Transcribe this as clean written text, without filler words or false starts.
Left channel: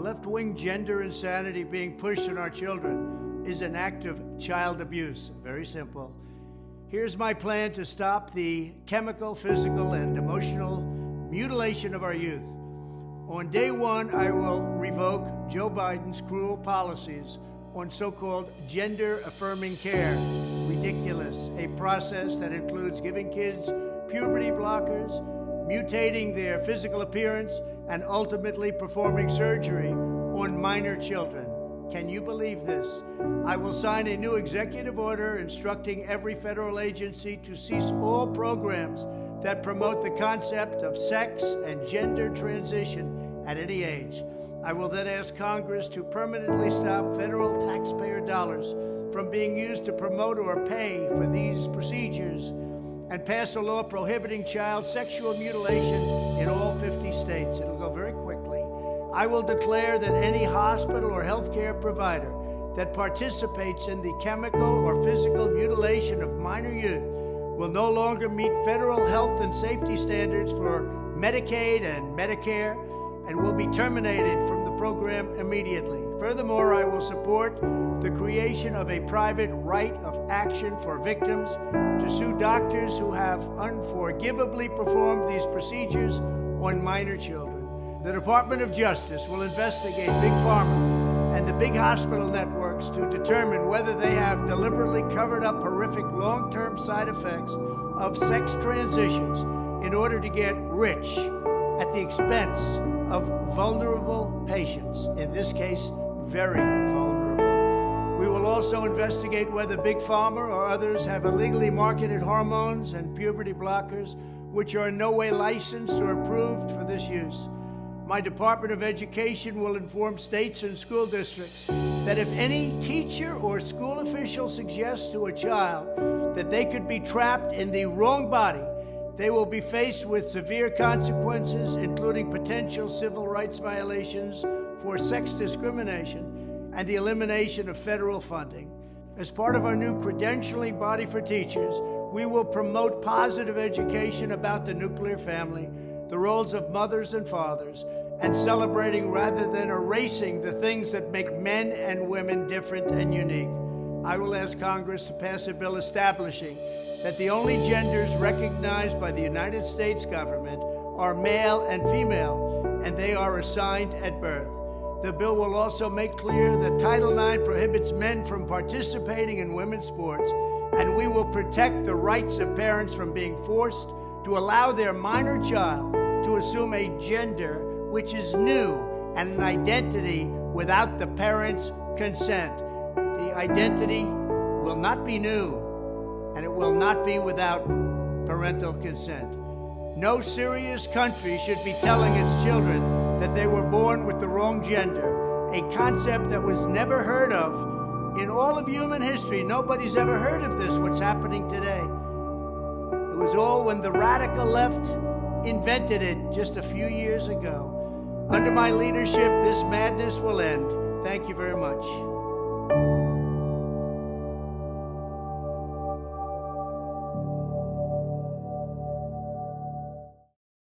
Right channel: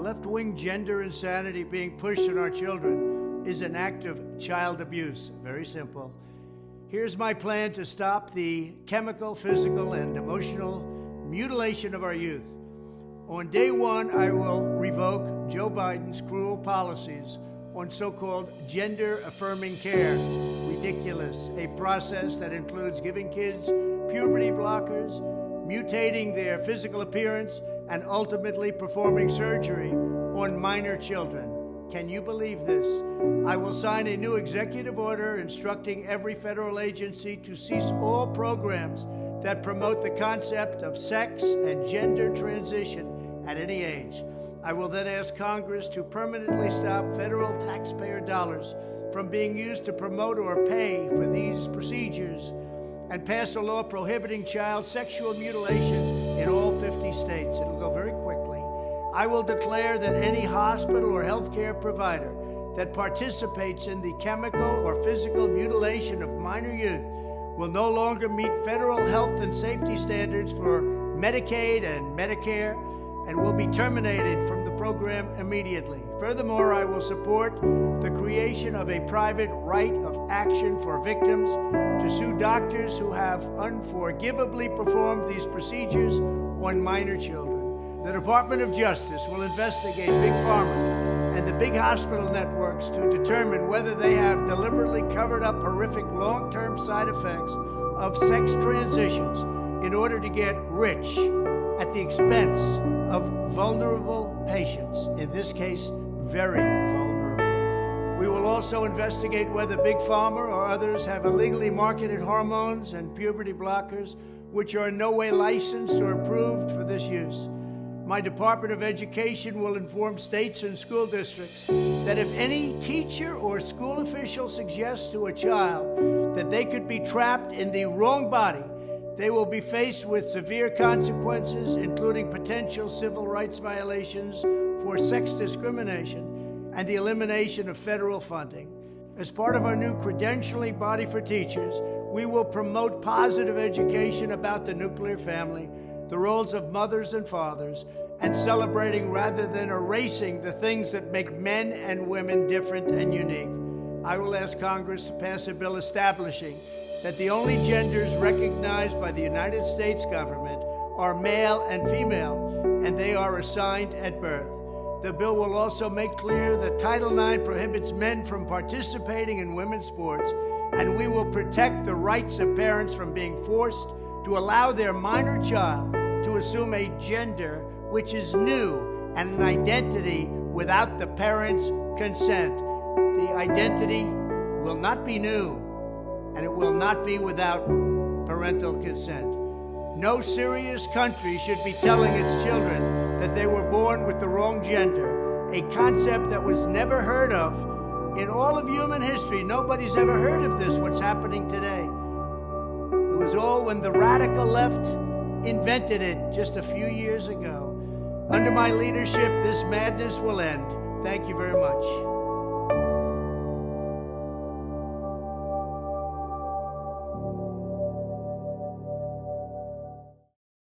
left-wing gender insanity being pushed on our children is an act of child abuse. Very simple. Here's my plan to stop the chemical, physical, and emotional mutilation of our youth. On day one, I will revoke Joe Biden's cruel policies on so-called gender-affirming care. Ridiculous. A process that includes giving kids puberty blockers, mutating their physical appearance, and ultimately performing surgery on minor children. Can you believe this? I will sign a new executive order instructing every federal agency to cease all programs that promote the concept of sex and gender transition at any age. I will then ask Congress to permanently stop federal taxpayer dollars from being used to promote or pay for these procedures and pass a law prohibiting child sexual mutilation in all 50 states. It'll go very quickly. I will declare that any hospital or healthcare provider that participates in the chemical or physical mutilation of minor youth will no longer meet federal health and safety standards for Medicaid and Medicare and will be terminated from the program immediately. Furthermore, I will support the creation of a private right of action for victims to sue doctors who have unforgivably performed these procedures on minor children. The Department of Justice will investigate Big Pharma and the big hospital networks to determine whether they have deliberately covered up horrific long-term side effects of sex transitions in order to get rich at the expense of vulnerable patients, in this case, very vulnerable. We will also investigate whether Big Pharma or others have illegally marketed hormones and puberty blockers which are in no way licensed or approved for this use. My Department of Education will inform states and school districts that if any teacher or school official suggests to a child that they could be trapped in the wrong body, they will be faced with severe consequences, including potential civil rights violations for sex discrimination and the elimination of federal funding. As part of our new credentialing body for teachers, we will promote positive education about the nuclear family, the roles of mothers and fathers, and celebrating rather than erasing the things that make men and women different and unique. I will ask Congress to pass a bill establishing that the only genders recognized by the United States government are male and female, and they are assigned at birth. The bill will also make clear that Title IX prohibits men from participating in women's sports, and we will protect the rights of parents from being forced to allow their minor child to assume a gender which is new and an identity without the parents' consent. The identity will not be new, and it will not be without parental consent. No serious country should be telling its children that they were born with the wrong gender, a concept that was never heard of in all of human history. Nobody's ever heard of this, what's happening today. It was all when the radical left invented it just a few years ago. Under my leadership, this madness will end. Thank you very much.